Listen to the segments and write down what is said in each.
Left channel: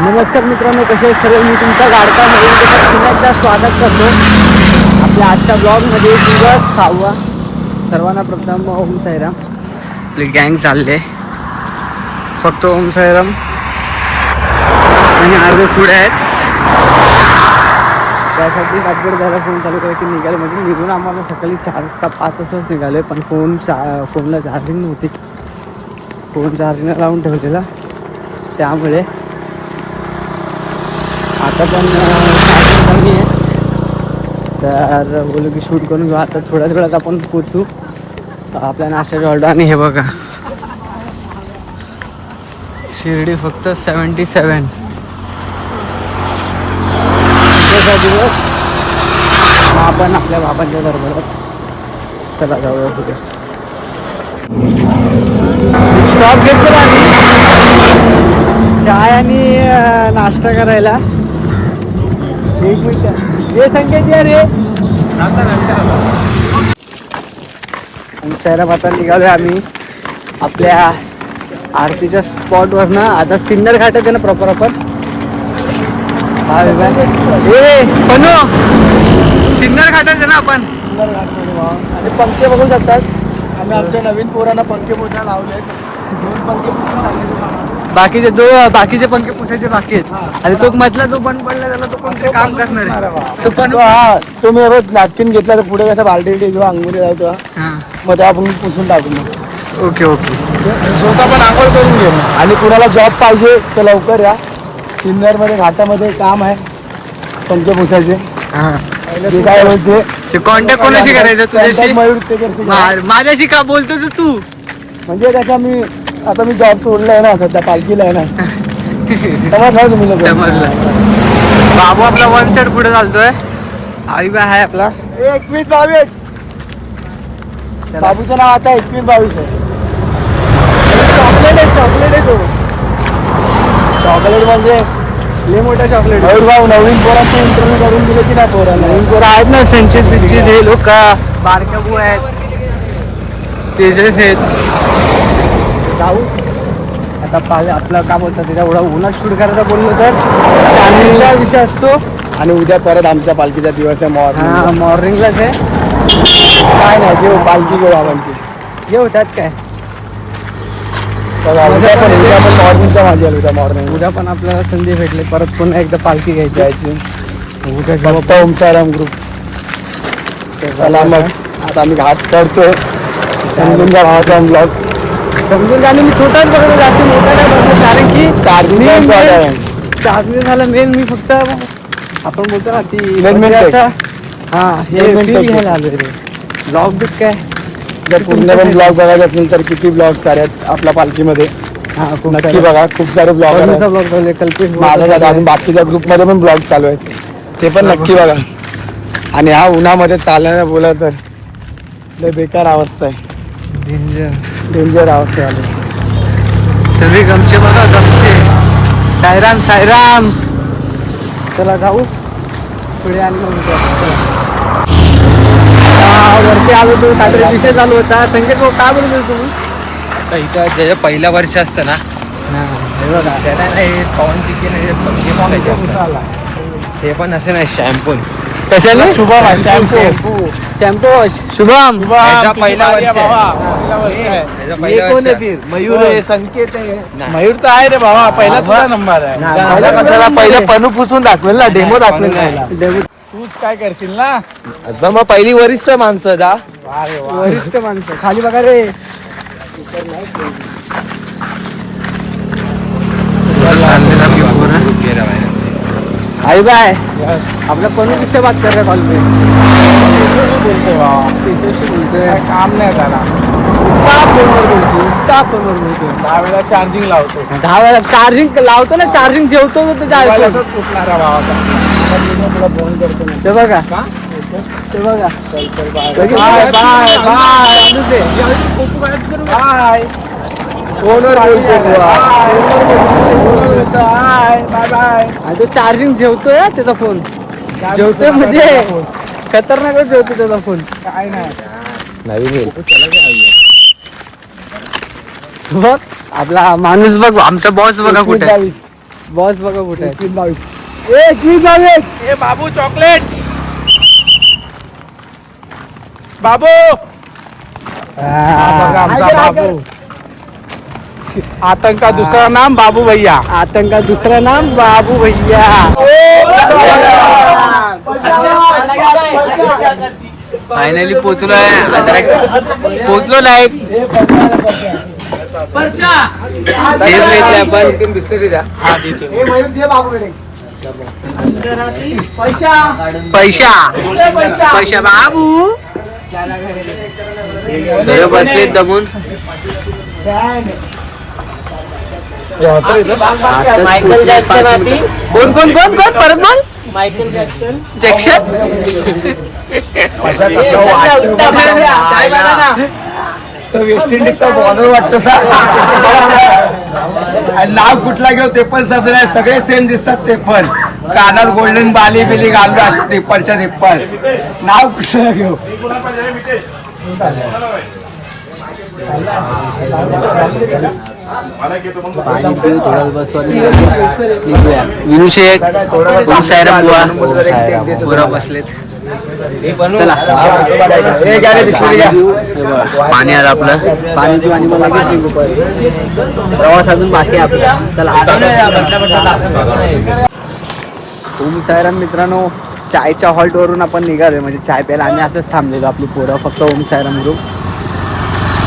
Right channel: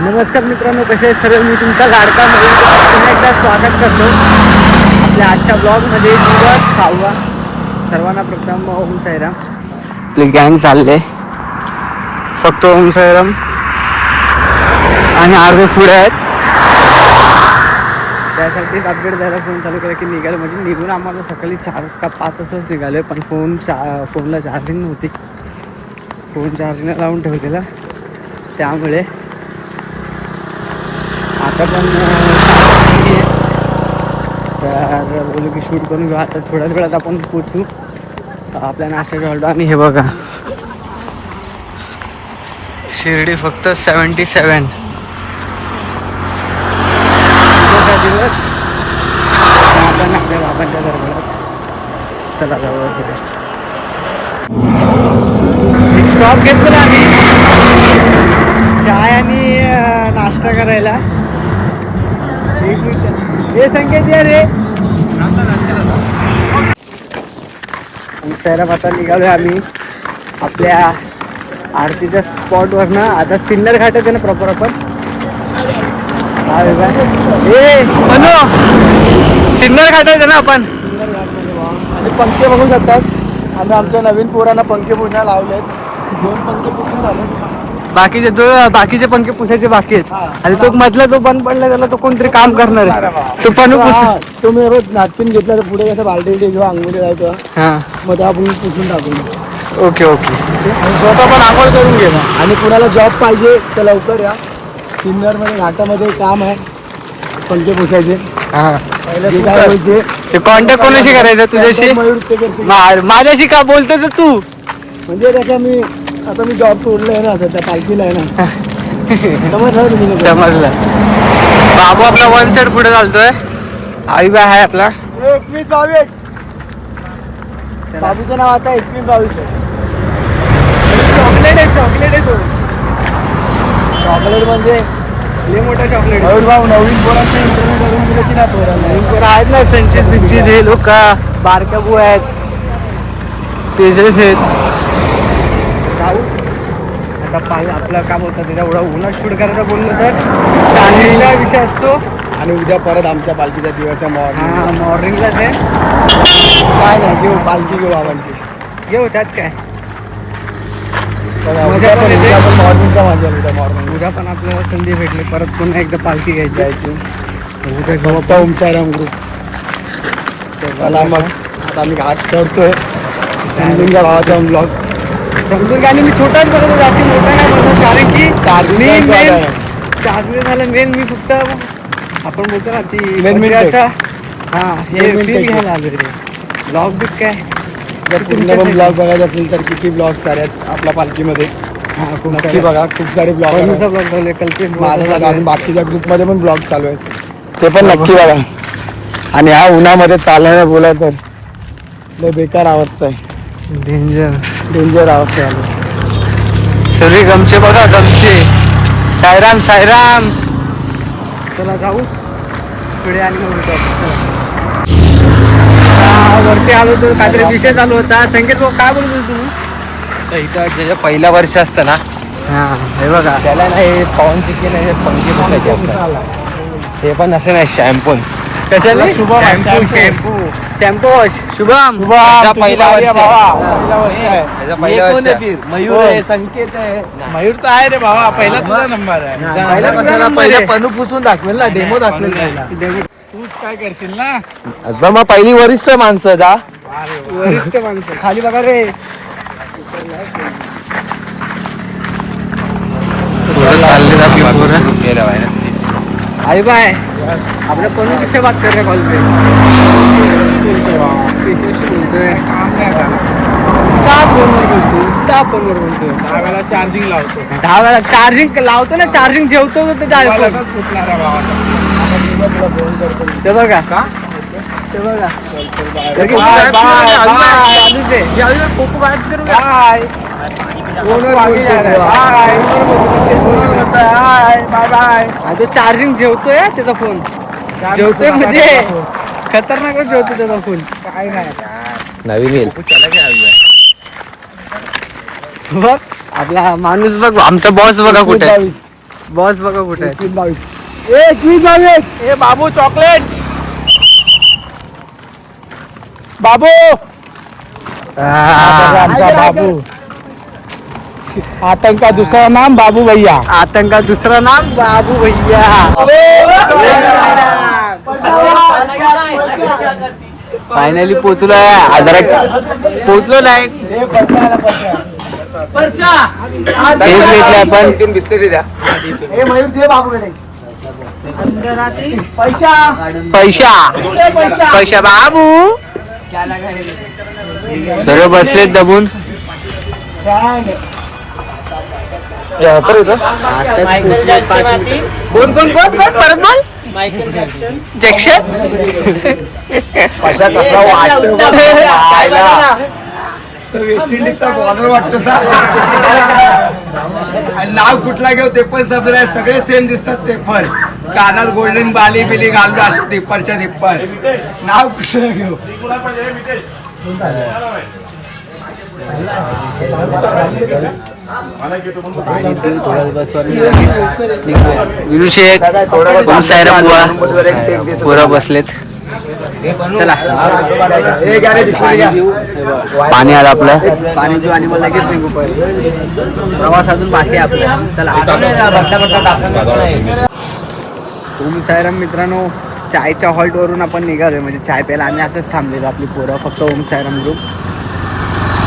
नमस्कार मित्रांनो कसे आहेत सर्व? मी तुमचा गाडका नवीन पुन्हा एकदा स्वागत करतो आपल्या आजच्या ब्लॉगमध्ये. दिवस सहावा. सर्वांना प्रथम ओम साईराम. आपले गँग चालले. फक्त ओम साईराम. आणि अर्धे पुढे आहेत. त्यासाठीच अपडेट द्यायला फोन चालू केला की निघालं. म्हणजे निघून आम्हाला सकाळी चार का पाच वाजताच निघाले पण फोन चा फोनला चार्जिंग नव्हती. फोन चार्जिंगला लावून ठेवलेला. त्यामुळे आता पण चार्जिंग कमी आहे तर बोलू की शूट करून घेऊ आता थोड्याच वेळात आपण पोचू आपल्या नाश्ता ऑर्डर आणि हे बघा. शिर्डी फक्त सेवन्टी सेवन दिवस. आपण आपल्या बाबांच्या दरबारात चला जाऊया पुढे. स्टॉप घेतलेला आम्ही. चाय आणि नाश्ता करायला. एक मिनिट हे संकेत या रे. उंचायला आता निघालोय आम्ही. आपल्या आरतीच्या स्पॉटवरनं आता सिन्नर घाट आहे ना प्रॉपर आपण. हा विभाग ए बनू सिन्नर घाट आहे ना आपण. सिन्नर घाटमध्ये भाव. पंखे बघू शकतात आम्ही आमच्या नवीन पोरांना पंखे पुसायला लावलेत. दोन पंखे पुसून झाले बाकीचे दो बाकीचे पंखे पुसायचे बाकी आहेत. आणि तो मधला जो बंद पडला त्याला तो कोणतरी काम करणार आहे. तो पण तो हा तो मी रोज नाटकीन घेतला तर पुढे कसं बालटी किंवा अंगुली लावतो मग तेव्हा आपण पुसून टाकू. Okay okay. ते स्वतः पण आपण करून घे. आणि कुणाला जॉब पाहिजे तर लवकर या. सिन्नरमध्ये घाटामध्ये काम आहे. पंखे पुसायचे. हा. जे काय बोलते ते. कॉन्टॅक्ट कोणाशी करायचं? तुझ्याशी? माझ्याशी का बोलतो तू? म्हणजे कसं मी आता मी जॉब सोडलाय ना सध्या पालखीला आहे ना. समजलं तुम्ही लोकं? समजलं. बाबू आपला वन साइड पुढे चालतोय. आई बाय आहे आपला. एकवीस बावीस. नाव आता एकवीस बावीस आहे. चॉकलेट आहे चॉकलेट आहे तो. चॉकलेट म्हणजे लय मोठा चॉकलेट आहे. भाऊ नवीन पोरांचं इंटरव्ह्यू करून दिलं की नाही पोरांना नवीन पोरं आहेत ना संचित बिंचित हे लोक बारक्या बू आहेत. तेजस आहेत. जाऊ. आता पाहिजे आपलं काम होतं त्याच्या एवढा उन्हात शूट करायचा बोललो तर चांदणीचा विषय असतो. आणि उद्या परत आमच्या पालखीचा दिवस आहे हा morning. मॉर्निंगलाच आहे. काय नाही घेऊ पालखी घेऊ बाबांची घेऊ त्यात काय? उद्या पण. उद्या पण मॉर्निंगचा माझ्या उद्या मॉर्निंग उद्या पण आपल्याला संधी भेटली. परत पुन्हा एकदा पालखी घ्यायची. जायची. उद्या घेऊ पण ओमचाराम ग्रुप चला मग आता आम्ही जा घाटचा ब्लॉग समजून घ्या. आणि मी छोटाच बघतो जास्त मोठा नाही बनणार कारण की मी main-. चार्जिंग झालं मेन मी फक्त आपण बोलतो ना ती म्हणजे हा हे घ्यायला आलो रे. ब्लॉग काय. जर पूर्ण पण ब्लॉग बघायचे असेल तर किती ब्लॉग आहेत आपल्या पालखीमध्ये. हा नक्की बघा खूप सारे ब्लॉग कोणचा ब्लॉग बनले कल्पेश माझा blog आणि बाकीच्या ग्रुपमध्ये पण ब्लॉग चालू आहेत. ते पण नक्की बघा. आणि ह्या उन्हामध्ये चालायला बोलायचं. लय बेकार अवस्था आहे. डेंजर डेंजर अवस्था आली सगळे गमचे बघा गमचे सायराम सायराम चला जाऊ. पुढे आणि मग. चला. आता वरती आलो तो काहीतरी विषय चालू होता. संकेत भाऊ काय बोलत तुम्ही? तर इथं जे पहिलं वर्ष असतं ना हा हे बघा. ते पण असे नाही शॅम्पून कशाने? Shampoo shampoo. वॉश शुभम. पहिला वर्ष. आहे. वर्ष. आहे. फिर? मयूर आहे संकेत आहे. मयूर तर आहे रे भावा पहिला तुझा नंबर आहे. पहिला. पनू पुसून दाखवेल ना डेमो दाखवेल. डेब्यू- तूच काय करशील ना? मग पहिली वरिष्ठ माणसं जा. वरिष्ठ माणसं. खाली बघा रे. आई बाय. आपल्या कोणी किससे बात कर रहे कॉल पे बोलतोय. किससे बोलतोय काम नाही झाला स्टाफ फोनवर बोलतोय स्टाफ फोनवर बोलतोय. दहा वेळा चार्जिंग लावतो. दहा वेळा चार्जिंग लावतो ना चार्जिंग ठेवतो फुटणारा भावाचा तुला फोन करतो. ते बघा? ते बघा. बाय बाय तो चार्जिंग ठेवतोय हा त्याचा फोन जेवतोय म्हणजे खतरनाक जेवतो त्याचा फोन काय नाही. बघ आपला माणूस बघ आमचा बॉस बघा कुठे. बॉस बघा कुठे बावीस. बाबू चॉकलेट बाबू. आतंका दुसरा नाम बाबू भैया? आतंका दुसरं नाम बाबू भैया। फायनली पोचलो नाही हे मयूर दे बाबूकडे. पैसा पैसा बाबू. सर्व बसले दबून. आताच पोचले पाच मिनिट. कोण कोण कोण कोण? परत बोल. मायकेल जॅक्सन जॅक्शन वेस्ट इंडिजचा बॉर्डर वाटतो आणि नाव कुठला घेऊ ते पण सगळे सगळे सेम दिसतात ते पण. कानात गोल्डन बाली बिली घालतो असं ते पणच्या ते पण. नाव कुठलं घेऊ? पाणी पिऊ थोडं बसवर विनू शेठ ओम सायराम बुवा पुरा बसलेत. चला. पाणी. पिऊ. पाणी आलं आपलं. पाणी पिऊ आणि मग लगेच निघू परत. प्रवास अजून बाकी आपला. चला. ओम सायराम मित्रांनो चायच्या हॉल्टवरून आपण निघालोय. म्हणजे चाय प्यायला आम्ही असंच थांबलेलो. आपली पोरं फक्त ओम सायराम ग्रुप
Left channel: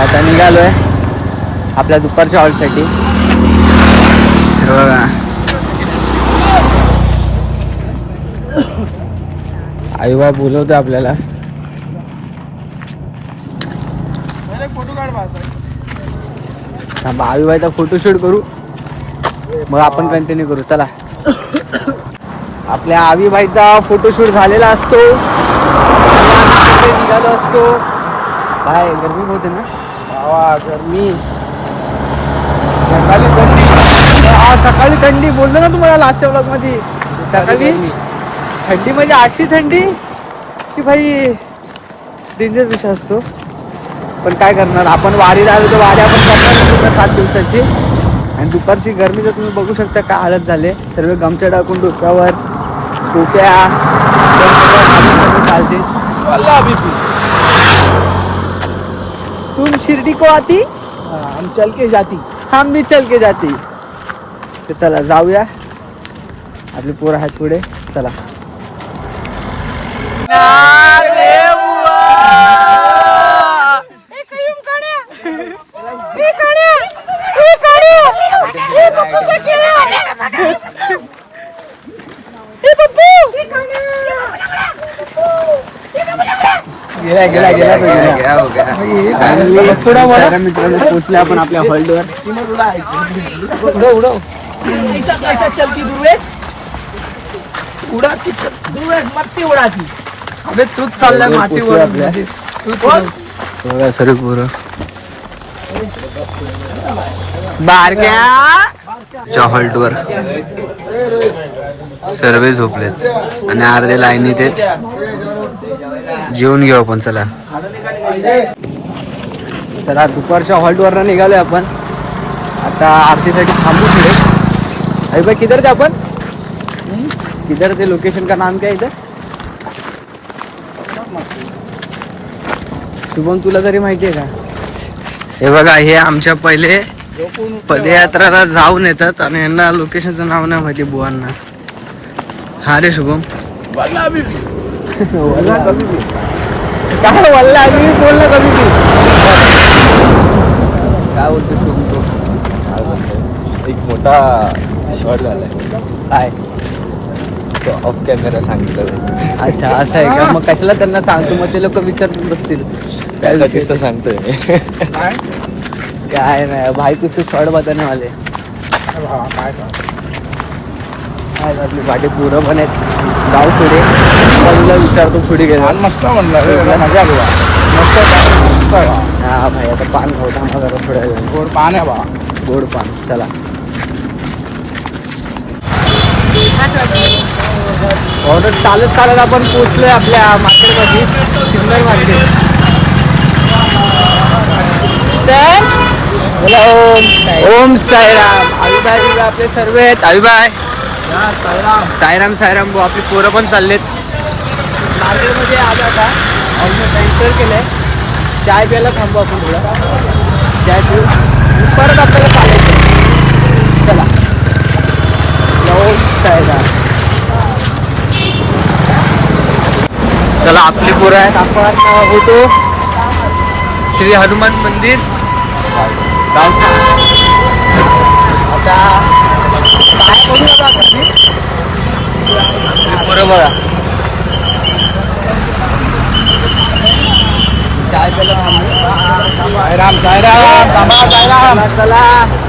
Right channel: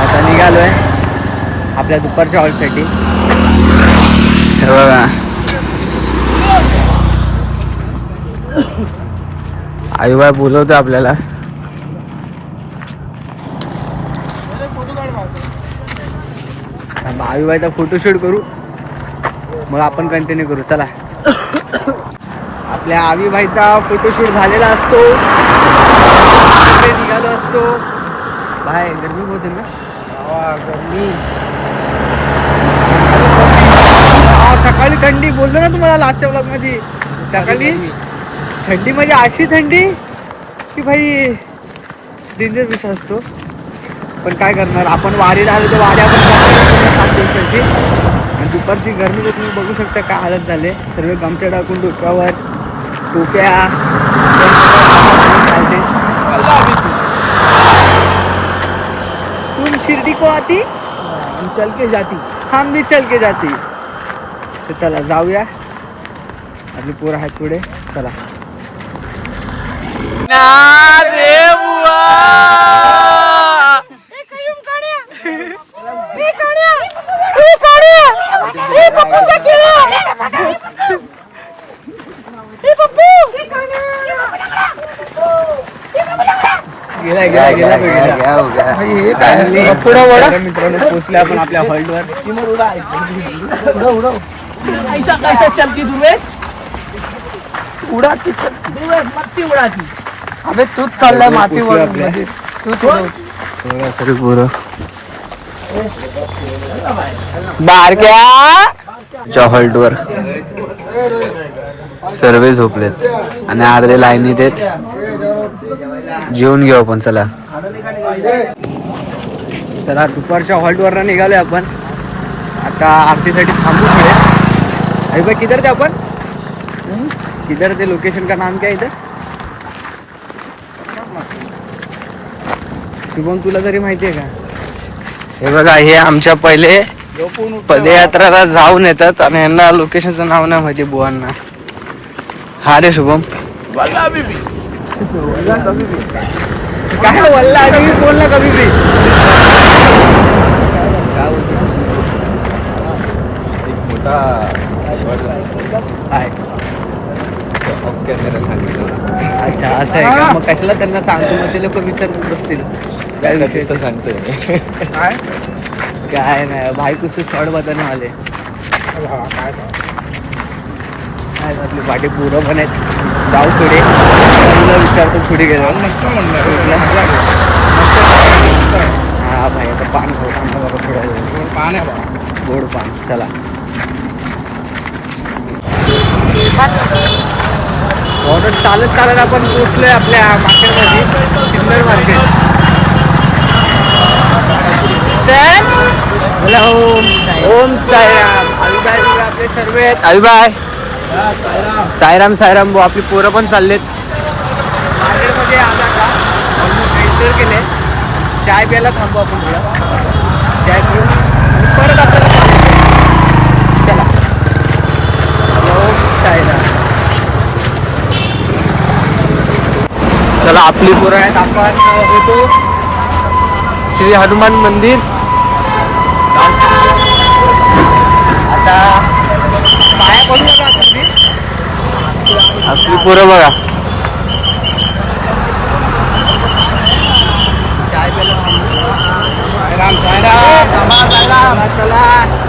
आता निघालोय. आपल्या दुपारच्या हॉलसाठी. बघा. आईबाई बोलवतो आपल्याला. आईबाईचा फोटोशूट करू. मग आपण कंटिन्यू करू. चला. आपल्या आवीबाईचा फोटोशूट झालेला असतो. निघालो असतो. बाय गरमी होते ना? गरमी. सकाळी हा सकाळी थंडी. बोललो ना तुम्हाला लास्टच्या ब्लॉगमध्ये सकाळी थंडी. म्हणजे अशी थंडी की भाई डेंजर विषय असतो. पण काय करणार? आपण वारीला आलो तर वारी आपण करणार सात दिवसाची. आणि दुपारची गरमी तर तुम्ही बघू शकता काय हालत झाले. सर्व गमच्या टाकून डोक्यावर टोप्या सगळी चालते तुम शिर्डी को आती? हम चल के जाती. हम भी चल के जाती. तर चला जाऊया. आपली पोरं हात पुढे. चला. गेला गेला गेला तो गेला आणि सर्व मित्रांनो पोचले आपण आपल्या हॉल्टवर ऐसा कैसा चलती दुर्वेश. उडाती दुर्वेश मत्ती उडाती अबे तूच चाललाय पोचलो आपल्या. बघा सर्व पोरं. बारक्या हॉल्टवर सर्व झोपलेत. आणि अर्धे लाईनीत आहेत. जेवून घेऊ आपण चला. चला दुपारच्या हॉल्टवर निघालोय आपण. आता आरतीसाठी थांबू पुढे. अरे भाई किधर थे आपण? किधर थे लोकेशन का नाम क्या इधर शुभम तुला तरी माहिती आहे का? हे बघा हे आमच्या पहिले पदयात्राला जाऊन येतात आणि यांना लोकेशनचं नाव नाही माहिती बुवांना. हा रे शुभम. काय वल्ला आणि मी बोल ना कमी बी काय बोलतो शुभम तू? एक मोठा शॉट झाला. काय? तो ऑफ कॅमेरा सांगितलं. अच्छा असं आहे का? मग कशाला त्यांना सांगतो? मग ते लोक विचारत बसतील. काय विषय ते. सांगतोय? मी काय? काय नाही भाई कुछ तो शॉर्ट बताने वाले काय? काय पाठी पुरं पण आहेत. जाऊ पुढे. पहिलं विचारतो पुढे गेलो मस्त म्हणलं. मजा आली हा भाई आता पान खाऊ थांबा जरा थोड्या वेळ पान आहे बा. गोड पान. चला. ऑर्डर चालत चालत आपण पोचलोय आपल्या मार्केटमध्ये. Signal market. तर बोला ओम साई. ओम साईराम. बिबा आपले सर्व आहेत. अविबाय साईराम साईराम भाऊ आपली पोरं पण चाललेत. मार्केटमध्ये आज आता ऑलमोस्ट एंटर केले. चाय प्यायला थांबू आपण थोडं. चाय पिऊ आणि परत आपल्याला चालायचं चला. ओम साईराम चला आपली पोरं आहेत. आपण होतो श्री हनुमान मंदिर. आता पाया पडूया का आपली आपली पोरं बघा. चाय चला चला.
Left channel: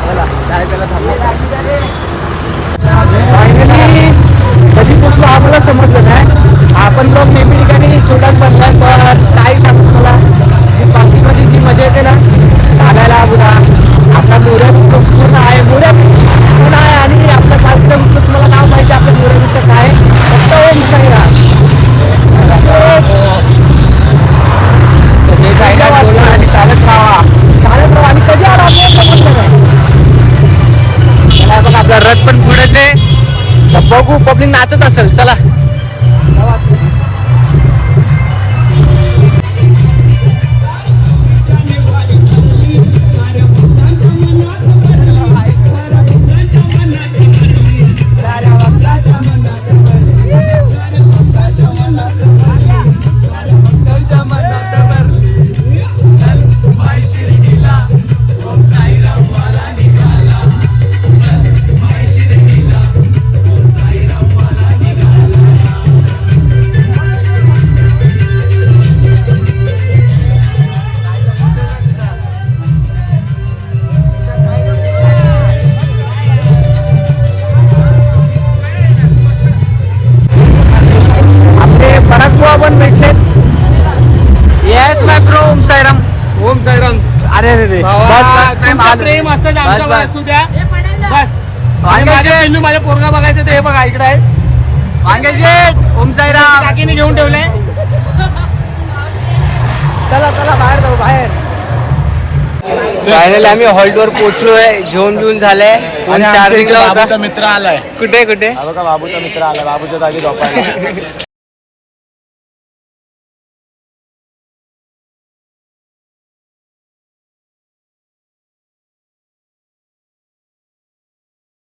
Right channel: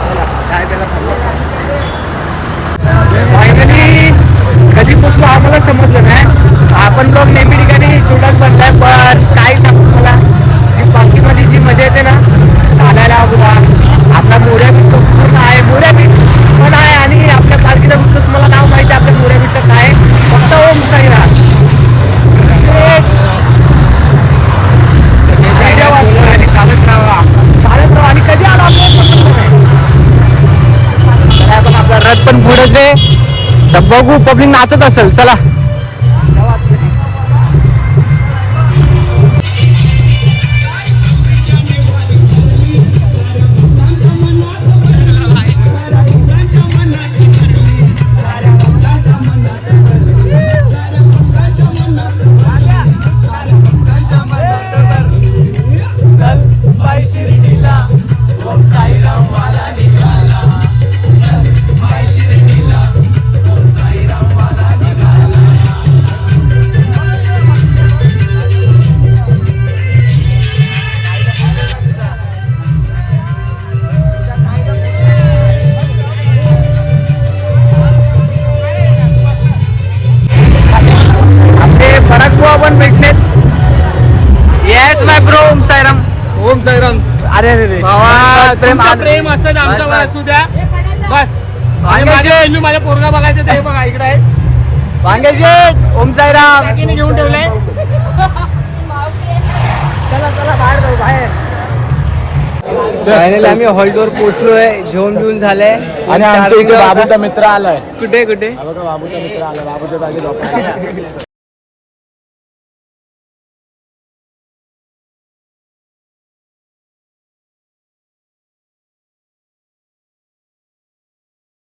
चला चाय प्यायला थांबू. फायनली कधी पोचलो आम्हाला समजलं नाही. आपण लोक नेहमी ठिकाणी छोटाच बनलाय पण काय सांगू मला जी बाकीमध्ये जी मजा येते ना चालायला बुवा आपला मोऱ्या बीच संपूर्ण आहे मोऱ्या बीच पण आहे आणि आपल्या पालखीला फक्त तुम्हाला नाव माहिती आहे आपल्या मोऱ्या बीचचं काय आहे. फक्त ओम साईरा. आणि पण भेटलेत? Yes my bro Om Sairam. Om Sairam. अरे अरे बस, प्रेम आलं. प्रेम बस, बस. असू द्या बस. माझ्या माझ्या पोरगा बघायचं ते हे बघा इकडे आहे. ओम साईराम. काकीने घेऊन ठेवलंय. चला चला बाहेर जाऊ बाहेर. फायनली आम्ही हॉल्टवर पोहोचलोय. जेवण बिवून झालंय. फोन चार्जिंगला होता. मित्र आलाय. कुठे कुठे? बघा बाबूचा मित्र आलाय. बाबूच्या जागी झोपायला